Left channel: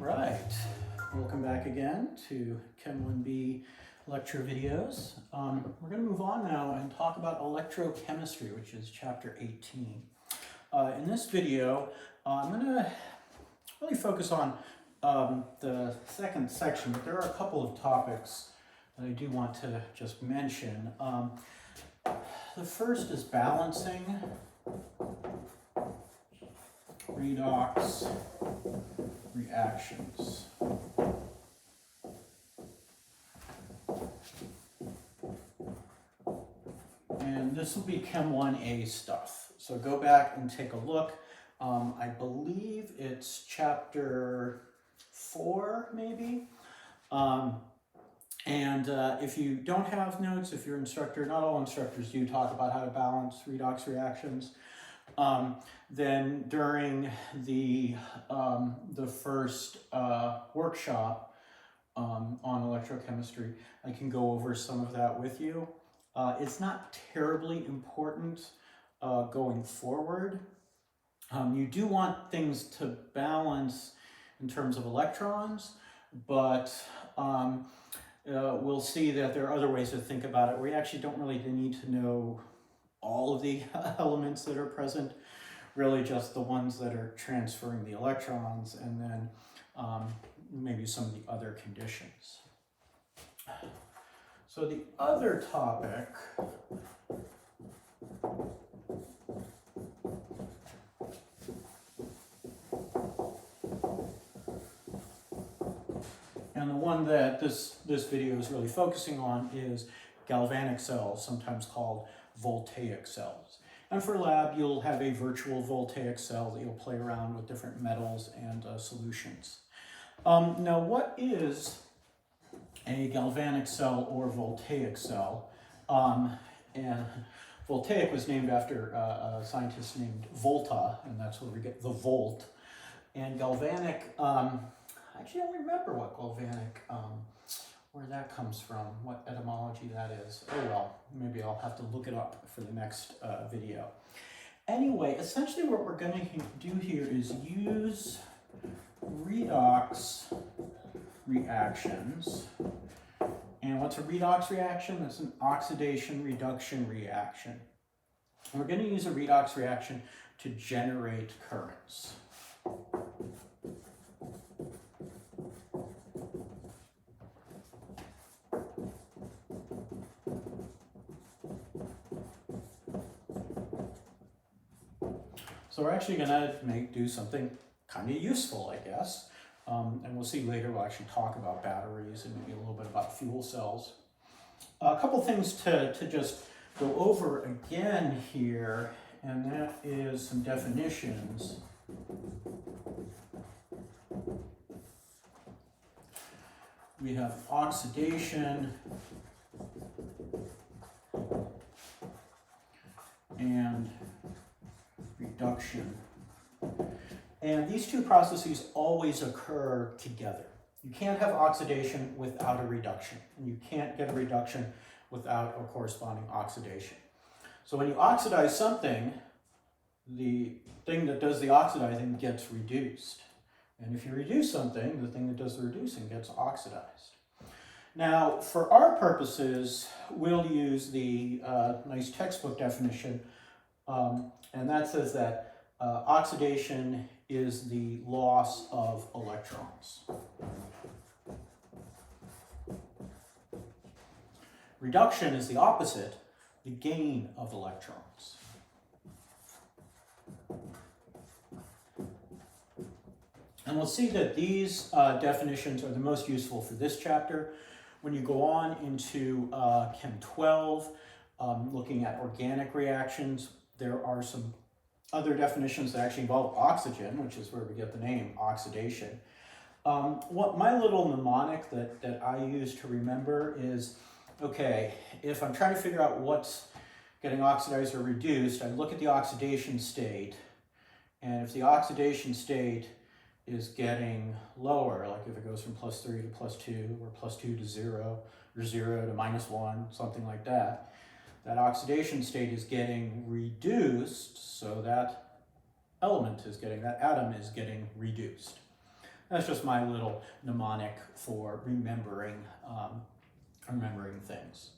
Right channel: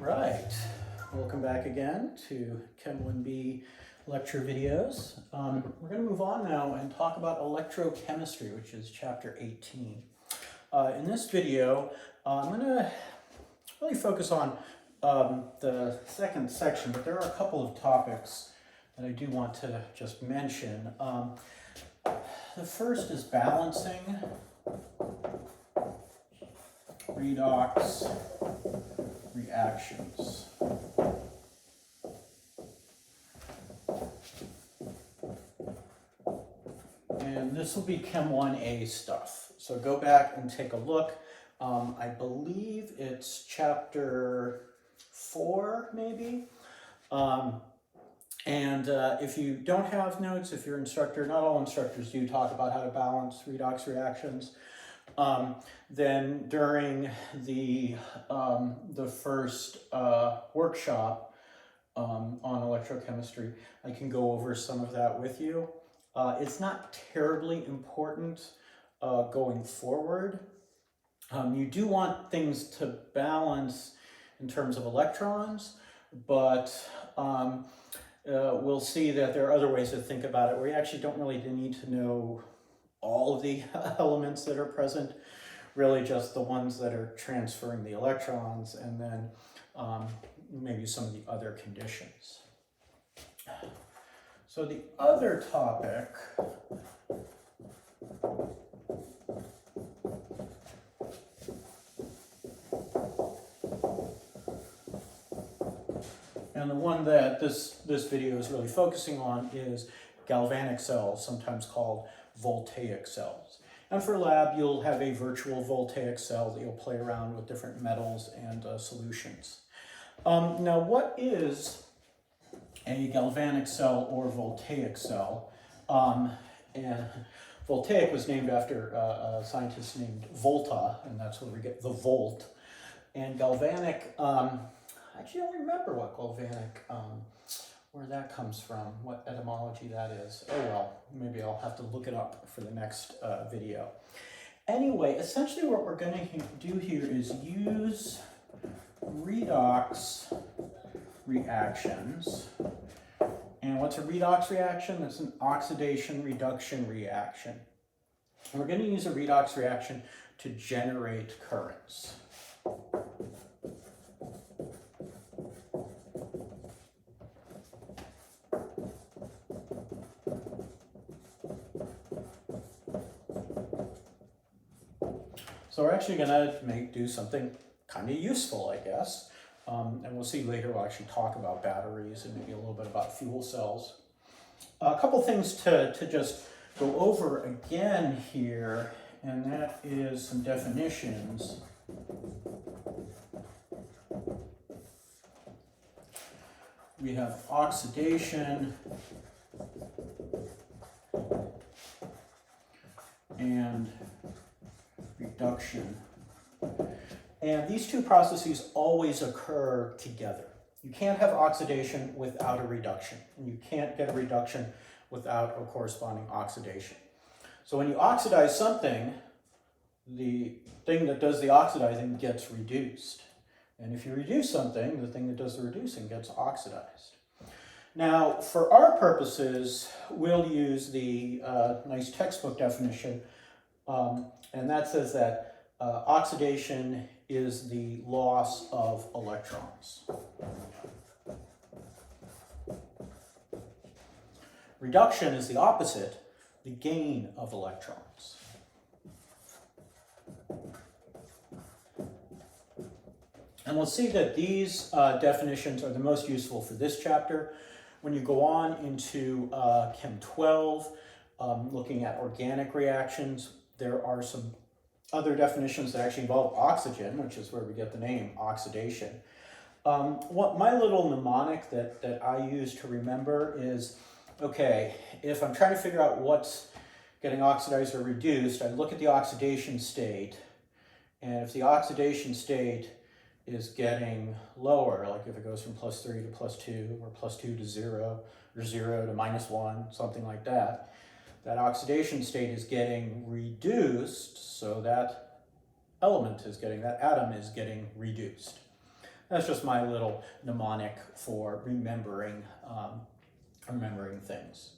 right, welcome back again to Chem 1B lecture videos. We're going to move on now and talk about electrochemistry, which is chapter 18. In this video, I'm going to really focus on the second section, but there are a couple of topics that I do want to just mention. The first is balancing, redox reactions. And this will be Chem 1A stuff. So go back and take a look. I believe it's chapter 4, maybe. If you don't have notes, if your instructor, not all instructors do talk about how to balance redox reactions, then during the first workshop on electrochemistry, I can go over some of that with you. It's not terribly important going forward. You do want things to balance in terms of electrons, but we'll see that there are other ways to think about it where you actually don't really need to know all of the elements that are present, really just the ones that are transferring the electrons, and then maybe some of the other conditions. So the other topic and the one that this video is really focusing on is galvanic cells, sometimes called Voltaic cells. And for lab, you'll have a virtual Voltaic cell that you'll play around with different metals and solutions. Now, what is a galvanic cell or Voltaic cell? And Voltaic was named after a scientist named Volta, and that's where we get the volt. And galvanic, I actually don't remember what galvanic, where that comes from, what etymology that is. Oh well, maybe I'll have to look it up for the next video. Anyway, essentially what we're going to do here is use redox reactions. And what's a redox reaction? It's an oxidation-reduction reaction. And we're going to use a redox reaction to generate currents. So we're actually going to do something kind of useful, I guess. And we'll see later, we'll actually talk about batteries and maybe a little bit about fuel cells. A couple things to just go over again here, and that is some definitions. We have oxidation and reduction. And these two processes always occur together. You can't have oxidation without a reduction, and you can't get a reduction without a corresponding oxidation. So when you oxidize something, the thing that does the oxidizing gets reduced. And if you reduce something, the thing that does the reducing gets oxidized. Now, for our purposes, we'll use the nice textbook definition, and that says that oxidation is the loss of electrons. Reduction is the opposite, the gain of electrons. And we'll see that these definitions are the most useful for this chapter. When you go on into Chem 12, looking at organic reactions, there are some other definitions that actually involve oxygen, which is where we get the name oxidation. What my little mnemonic that I use to remember is, okay, if I'm trying to figure out what's getting oxidized or reduced, I look at the oxidation state, and if the oxidation state is getting lower, like if it goes from +3 to +2, or +2 to 0, or 0 to -1, something like that, that oxidation state is getting reduced, so that element is getting, that atom is getting reduced. That's just my little mnemonic for remembering things.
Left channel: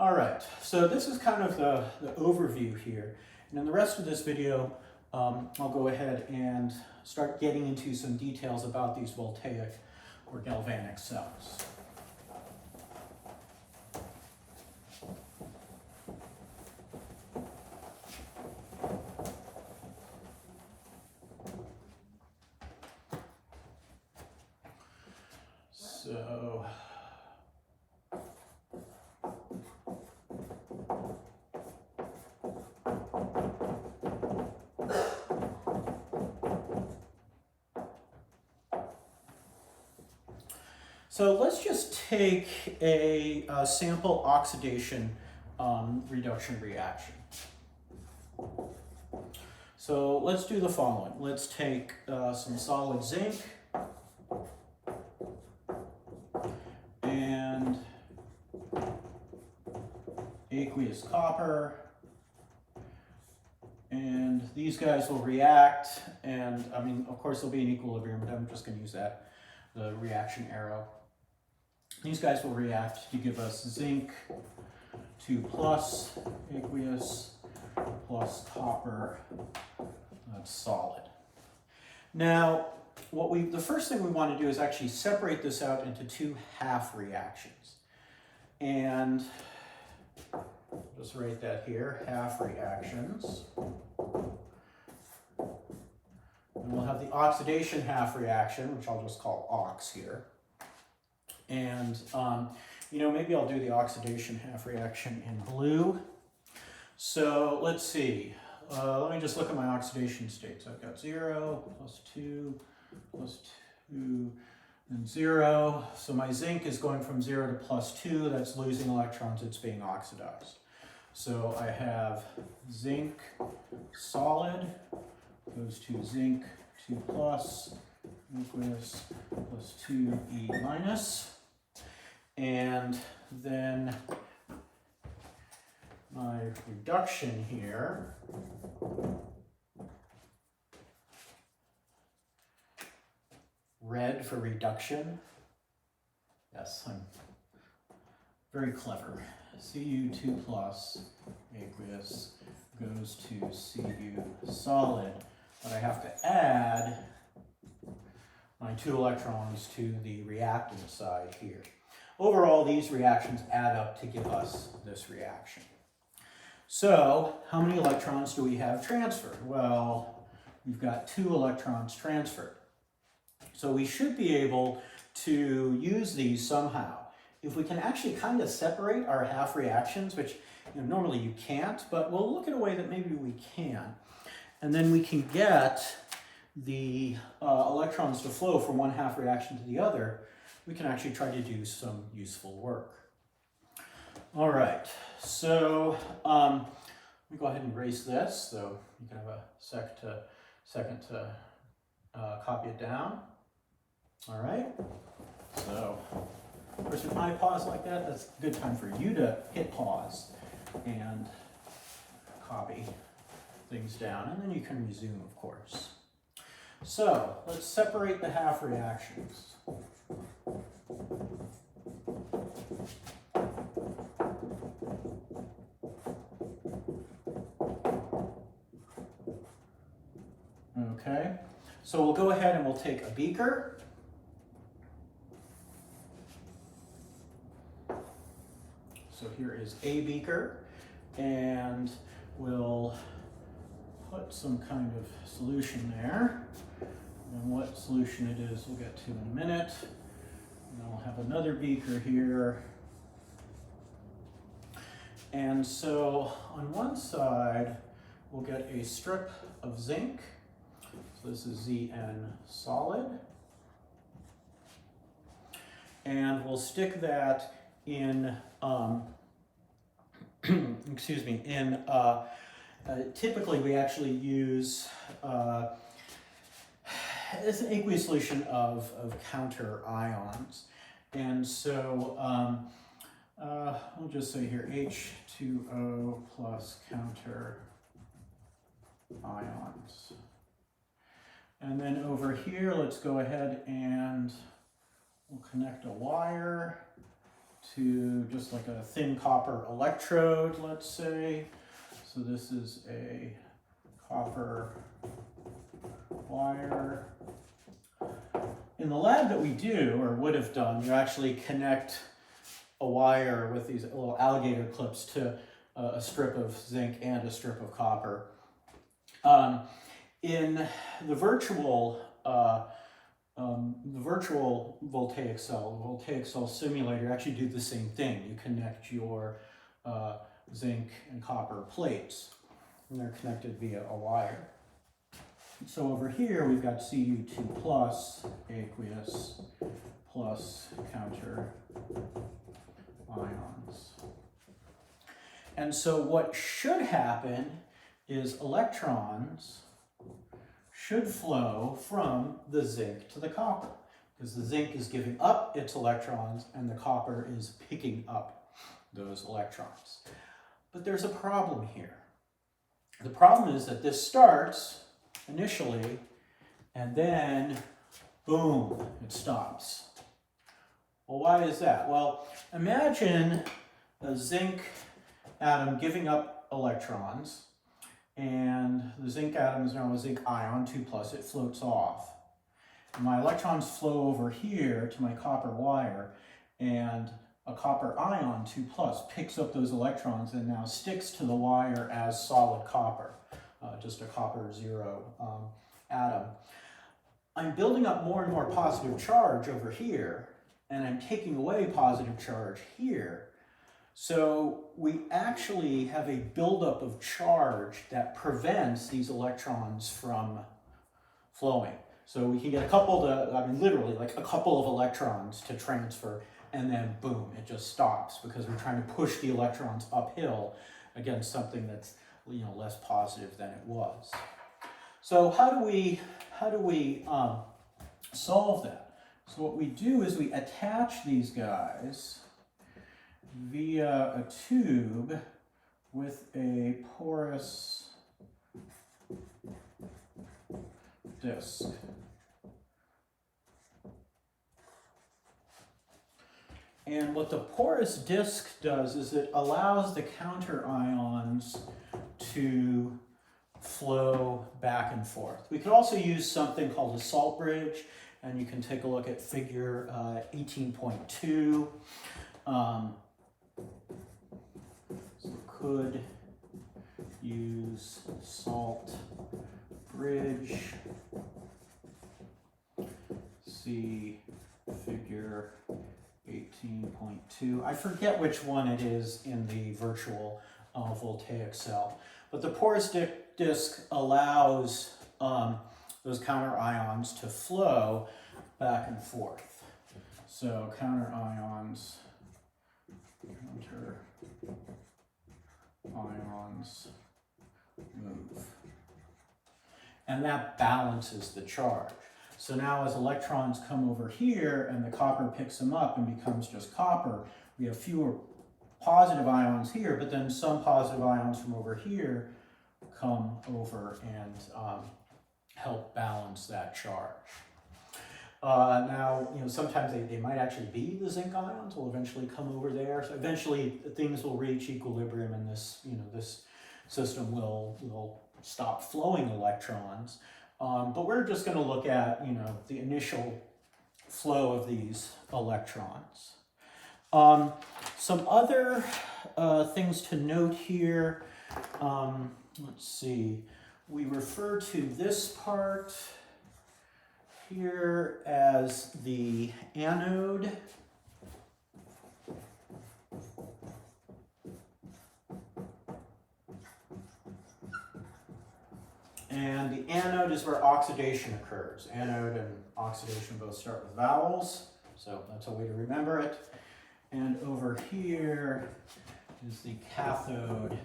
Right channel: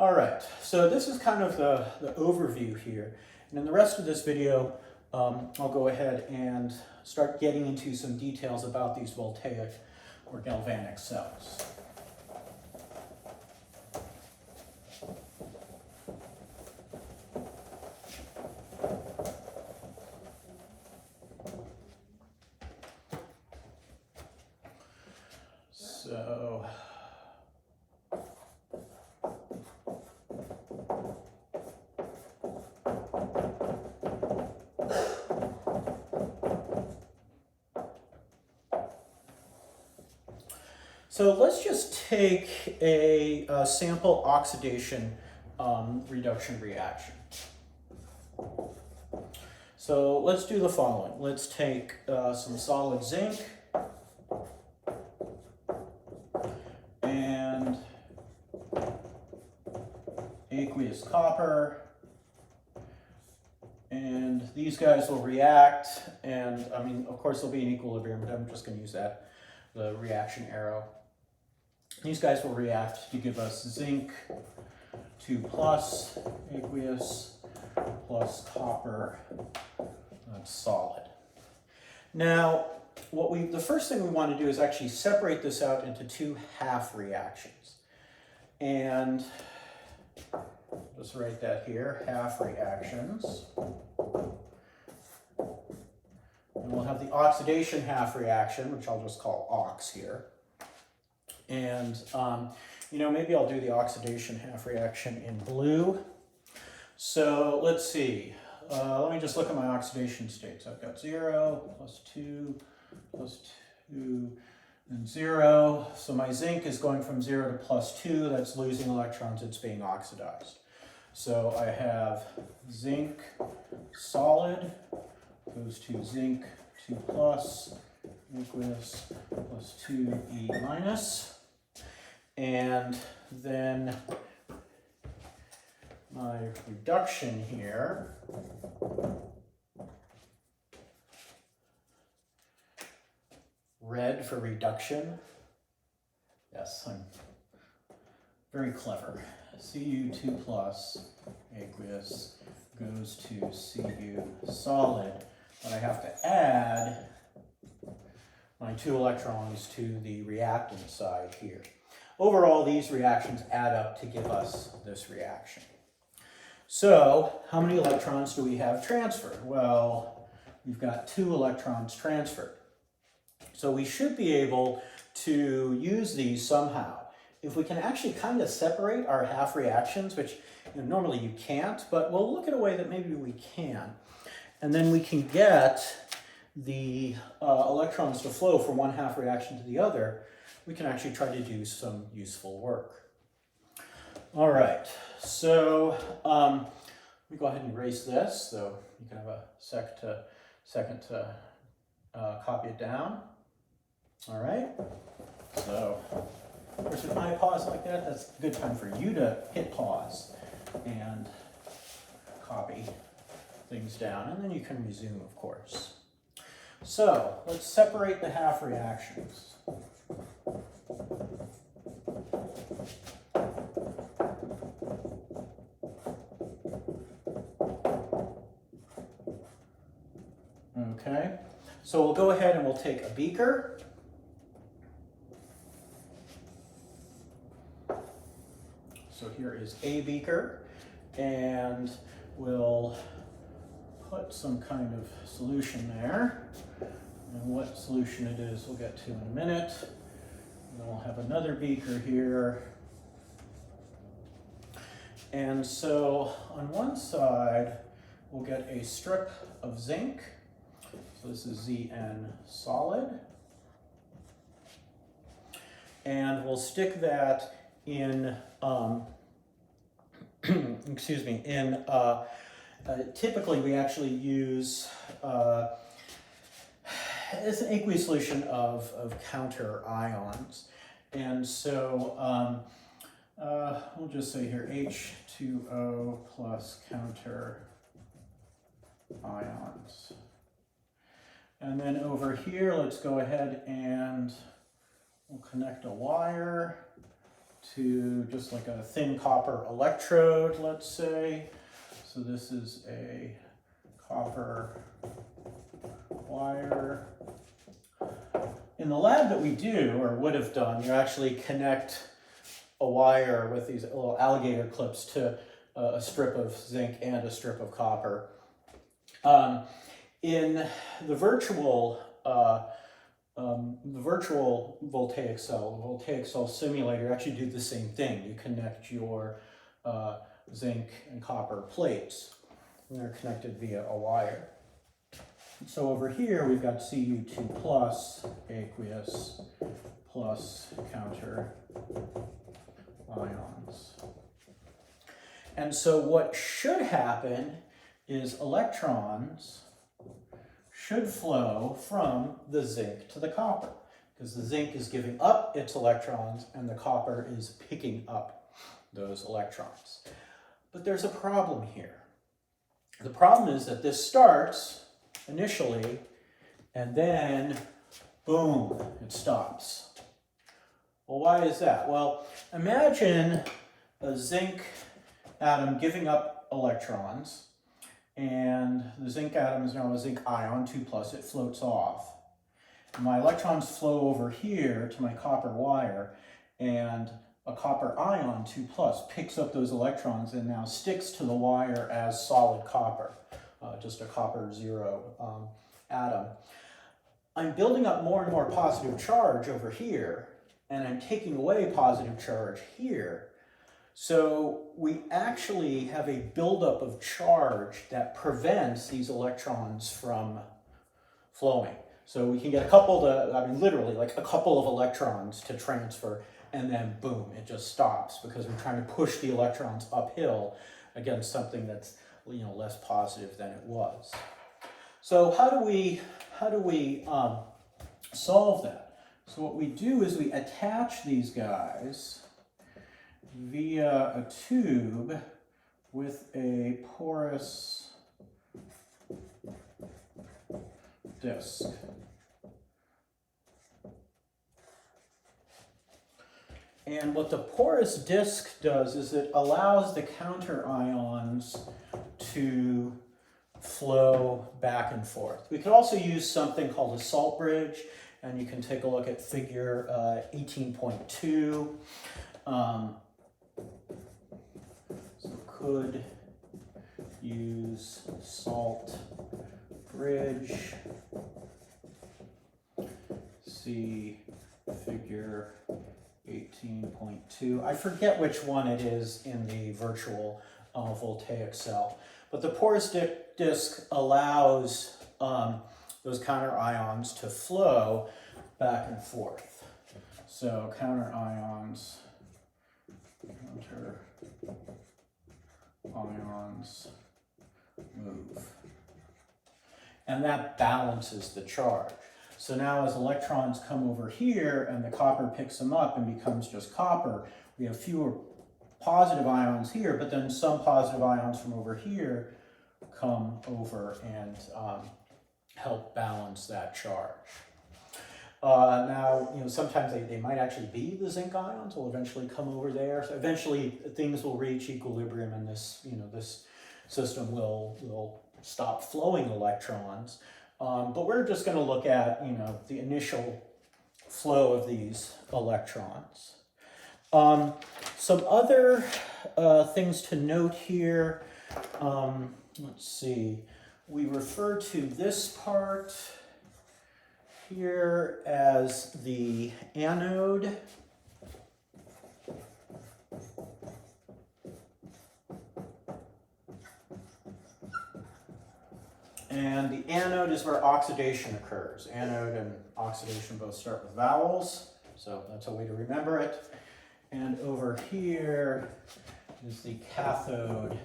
All right, so this is kind of the overview here. And in the rest of this video, I'll go ahead and start getting into some details about these voltaic or galvanic cells. So let's just take a sample oxidation reduction reaction. So let's do the following. Let's take some solid zinc and aqueous copper, and these guys will react, and I mean, of course they'll be in equilibrium, but I'm just going to use the reaction arrow. These guys will react to give us zinc 2 plus aqueous plus copper, that's solid. Now, the first thing we want to do is actually separate this out into two half reactions. And just write that here, half reactions. And we'll have the oxidation half reaction, which I'll just call ox here. And, you know, maybe I'll do the oxidation half reaction in blue. So let's see. Let me just look at my oxidation states. I've got 0, +2, +2, and 0. So my zinc is going from 0 to +2. That's losing electrons. It's being oxidized. So I have zinc solid goes to zinc 2 plus aqueous +2E minus. And then my reduction here red for reduction. Yes, I'm very clever. Cu2 plus aqueous goes to Cu solid, but I have to add my 2 electrons to the reactant side here. Overall, these reactions add up to give us this reaction. So, how many electrons do we have transferred? Well, we've got 2 electrons transferred. So we should be able to use these somehow. If we can actually kind of separate our half reactions, which normally you can't, but we'll look at a way that maybe we can. And then we can get the electrons to flow from one half reaction to the other. We can actually try to do some useful work. All right, so let me go ahead and erase this so you can have a second to copy it down. All right, so of course if I pause like that, that's a good time for you to hit pause and copy things down, and then you can resume, of course. So let's separate the half reactions. Okay, so we'll go ahead and we'll take a beaker. So here is a beaker, and we'll put some kind of solution there. And what solution it is, we'll get to in a minute. And then we'll have another beaker here. And so on one side, we'll get a strip of zinc. So this is Zn solid. And we'll stick that in, excuse me, typically we actually use, it's an aqueous solution of counter ions. And so we'll just say here H2O plus counter ions. And then over here, let's go ahead and we'll connect a wire to just like a thin copper electrode, let's say. So this is a copper wire. In the lab that we do, or would have done, you actually connect a wire with these little alligator clips to a strip of zinc and a strip of copper. In the virtual voltaic cell simulator, you actually do the same thing. You connect your zinc and copper plates, and they're connected via a wire. So over here, we've got Cu2 plus aqueous plus counter ions. And so what should happen is electrons should flow from the zinc to the copper, because the zinc is giving up its electrons and the copper is picking up those electrons. But there's a problem here. The problem is that this starts initially, and then, boom, it stops. Well, why is that? Well, imagine a zinc atom giving up electrons, and the zinc atom is now a zinc ion, 2 plus, it floats off. And my electrons flow over here to my copper wire, and a copper ion, 2 plus, picks up those electrons and now sticks to the wire as solid copper. Just a copper 0 atom. I'm building up more and more positive charge over here, and I'm taking away positive charge here. So we actually have a buildup of charge that prevents these electrons from flowing. So we can get a couple literally like a couple of electrons to transfer, and then boom, it just stops because we're trying to push the electrons uphill against something that's less positive than it was. So how do we solve that? So what we do is we attach these guys via a tube with a porous disc. And what the porous disc does is it allows the counter ions to flow back and forth. We could also use something called a salt bridge, and you can take a look at figure 18.2. So could use salt bridge. See figure 18.2. I forget which one it is in the virtual voltaic cell, but the porous disc allows those counter ions to flow back and forth. So counter ions move. And that balances the charge. So now as electrons come over here and the copper picks them up and becomes just copper, we have fewer positive ions here, but then some positive ions from over here come over and help balance that charge. Now, sometimes they might actually be the zinc ions will eventually come over there. So eventually things will reach equilibrium and this system will stop flowing electrons. But we're just going to look at, the initial flow of these electrons. Some other things to note here. Let's see. We refer to this part here as the anode. And the anode is where oxidation occurs. Anode and oxidation both start with vowels, so that's a way to remember it. And over here is the cathode.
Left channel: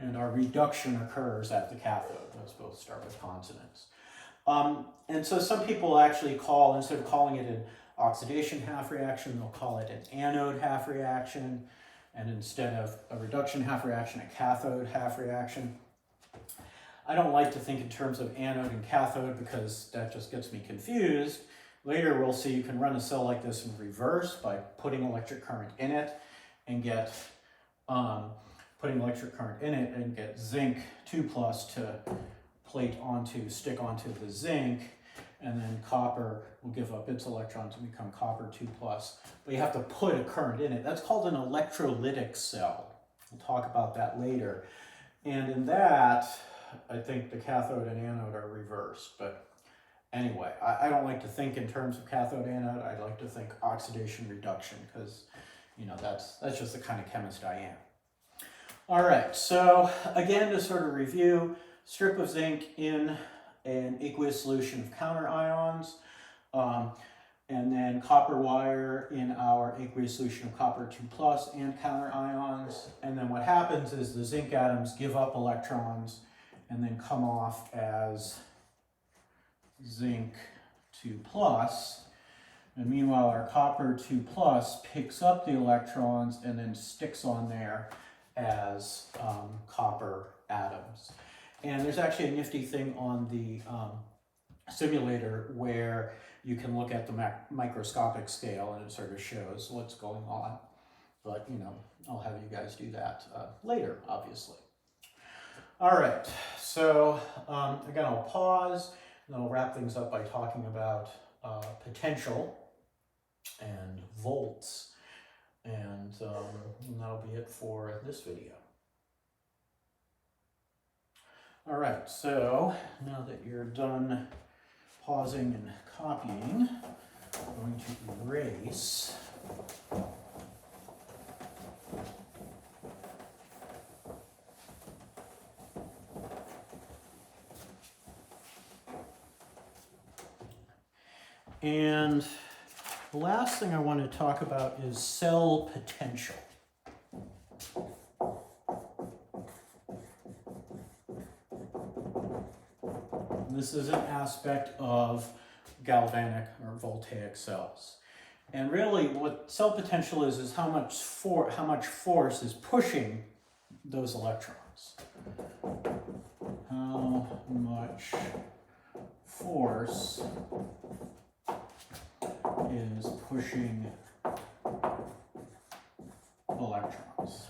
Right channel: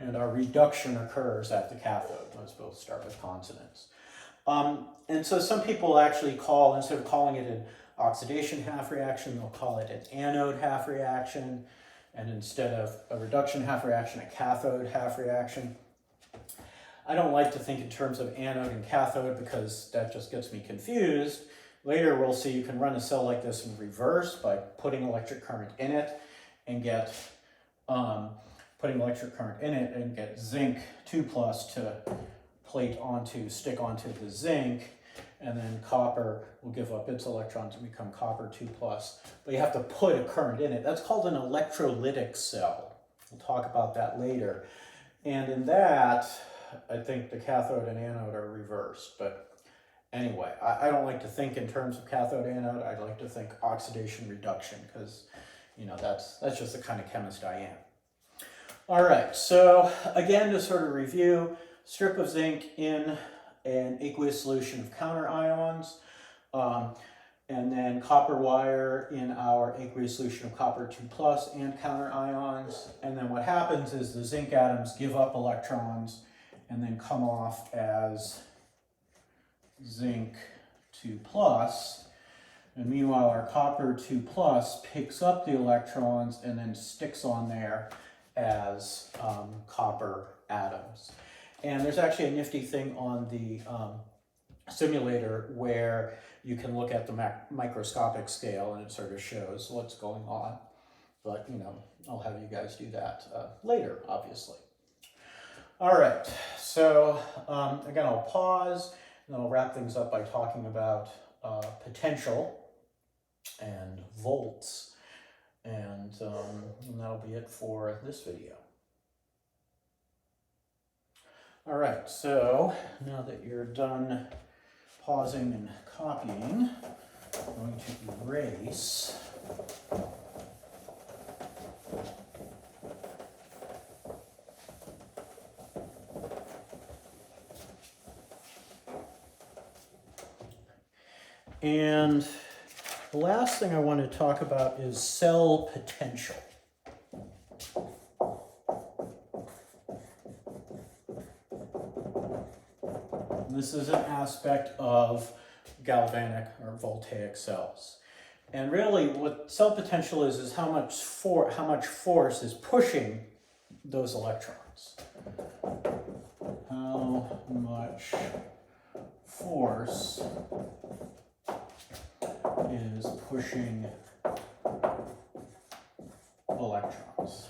And our reduction occurs at the cathode. Those both start with consonants. And so some people actually call, instead of calling it an oxidation half reaction, they'll call it an anode half reaction, and instead of a reduction half reaction, a cathode half reaction. I don't like to think in terms of anode and cathode because that just gets me confused. Later we'll see you can run a cell like this in reverse by putting electric current in it and get zinc 2+ to stick onto the zinc, and then copper will give up its electrons and become copper 2+. But you have to put a current in it. That's called an electrolytic cell. We'll talk about that later. And in that, I think the cathode and anode are reversed. But anyway, I don't like to think in terms of cathode anode. I like to think oxidation reduction because, you know, that's just the kind of chemist I am. All right, so again, to sort of review, strip of zinc in an aqueous solution of counter ions, and then copper wire in our aqueous solution of copper 2+ and counter ions. And then what happens is the zinc atoms give up electrons and then come off as zinc 2+. And meanwhile, our copper 2+ picks up the electrons and then sticks on there as copper atoms. And there's actually a nifty thing on the simulator where you can look at the microscopic scale and it sort of shows what's going on. But, you know, I'll have you guys do that later, obviously. All right, so again, I'll pause and then I'll wrap things up by talking about potential and volts. And that'll be it for this video. All right, so now that you're done pausing and copying, I'm going to erase. And the last thing I want to talk about is cell potential. This is an aspect of galvanic or voltaic cells. And really what cell potential is how much force is pushing those electrons. How much force is pushing electrons.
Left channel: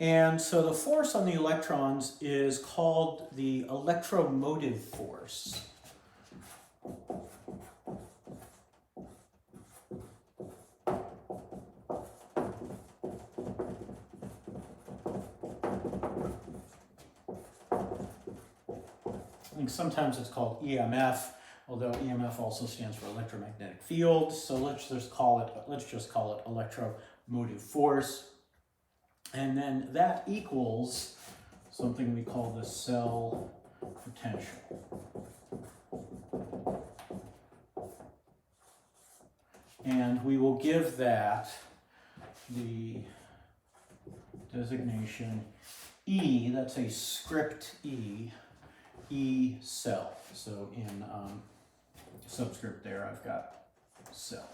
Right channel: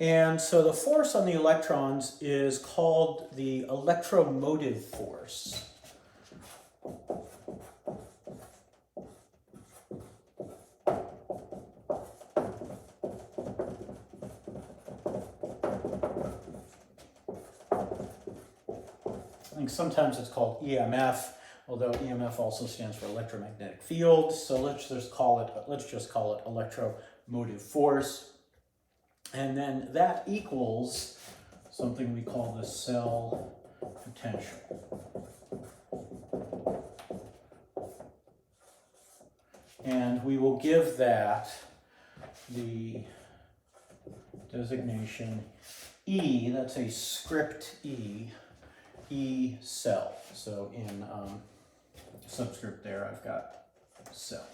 And so the force on the electrons is called the electromotive force. I think sometimes it's called EMF, although EMF also stands for electromagnetic field. So let's just call it electromotive force. And then that equals something we call the cell potential. And we will give that the designation E, that's a script E, E cell. So in subscript there, I've got cell.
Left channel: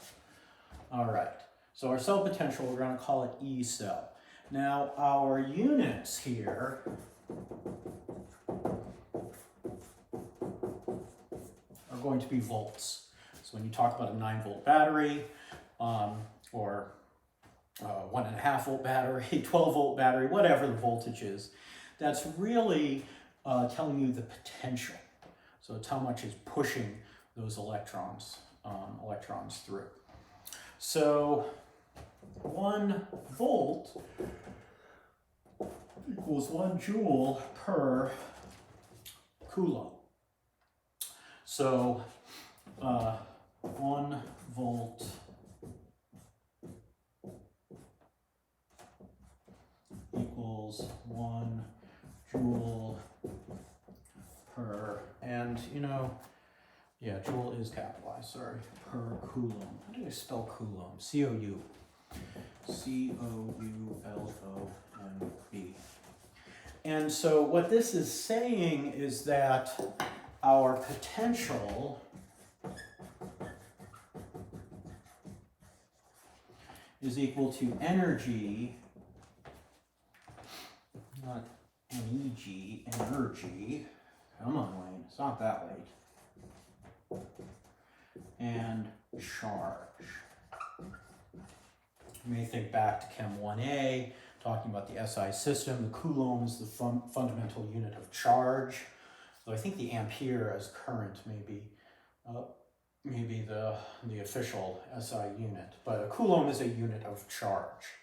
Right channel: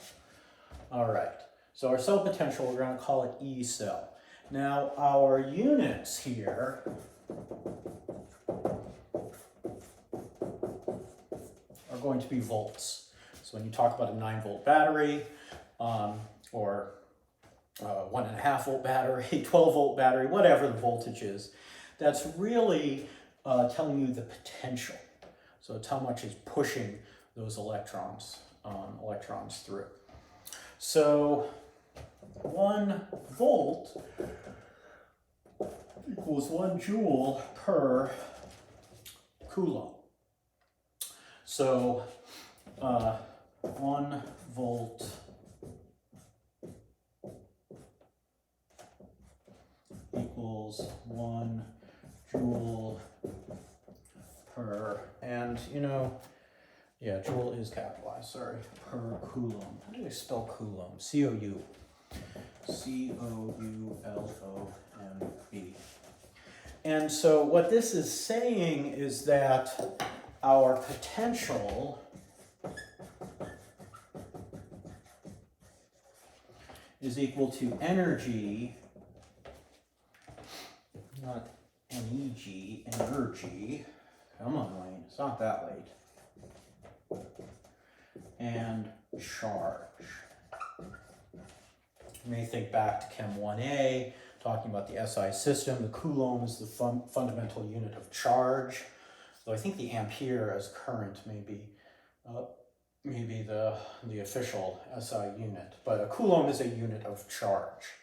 All right, so our cell potential, we're going to call it E cell. Now, our units here are going to be volts. So when you talk about a 9-volt battery, or 1.5-volt battery, 12-volt battery, whatever the voltage is, that's really telling you the potential. So it's how much is pushing those electrons through. So 1 volt equals 1 joule per coulomb. So 1 volt equals 1 joule per, and you know, yeah, joule is capitalized, sorry, per coulomb. How do I spell coulomb? C-O-U. C-O-U-L-O-M-B. And so what this is saying is that our potential is equal to energy, not MEG, energy. Come on, Wayne, it's not that late. And charge. You may think back to Chem 1A, talking about the SI system. The coulomb is the fundamental unit of charge. Though I think the ampere as current may be the official SI unit. But a coulomb is a unit of charge.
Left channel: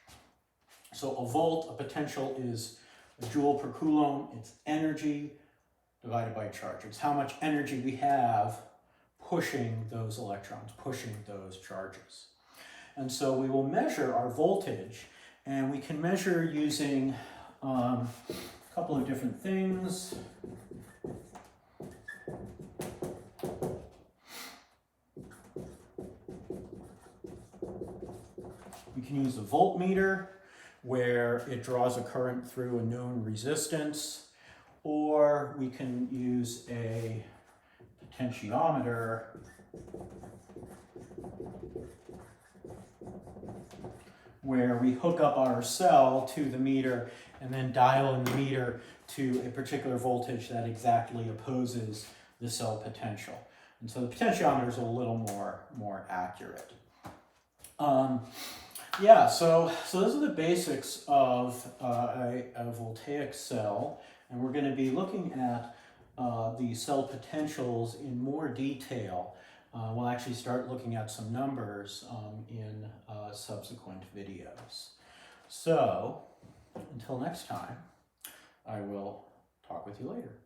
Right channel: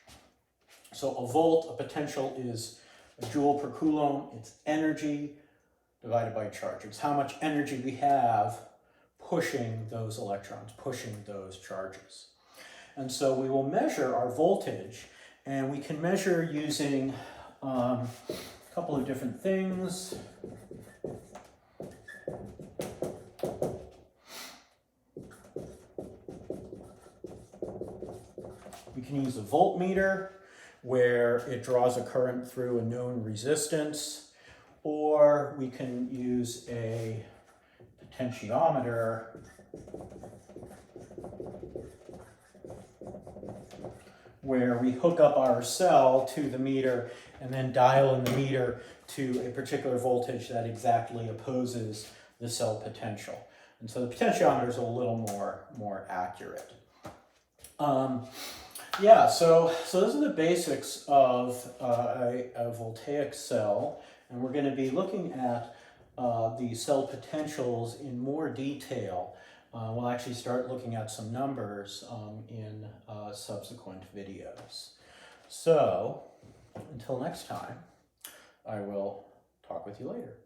So a volt, a potential, is a joule per coulomb. It's energy divided by charge. It's how much energy we have pushing those electrons, pushing those charges. And so we will measure our voltage, and we can measure using a couple of different things. We can use a voltmeter, where it draws a current through a known resistance, or we can use a potentiometer, where we hook up our cell to the meter and then dial in the meter to a particular voltage that exactly opposes the cell potential. And so the potentiometer is a little more accurate. Yeah, so those are the basics of a voltaic cell, and we're going to be looking at the cell potentials in more detail. We'll actually start looking at some numbers in subsequent videos. So, until next time, I will talk with you later.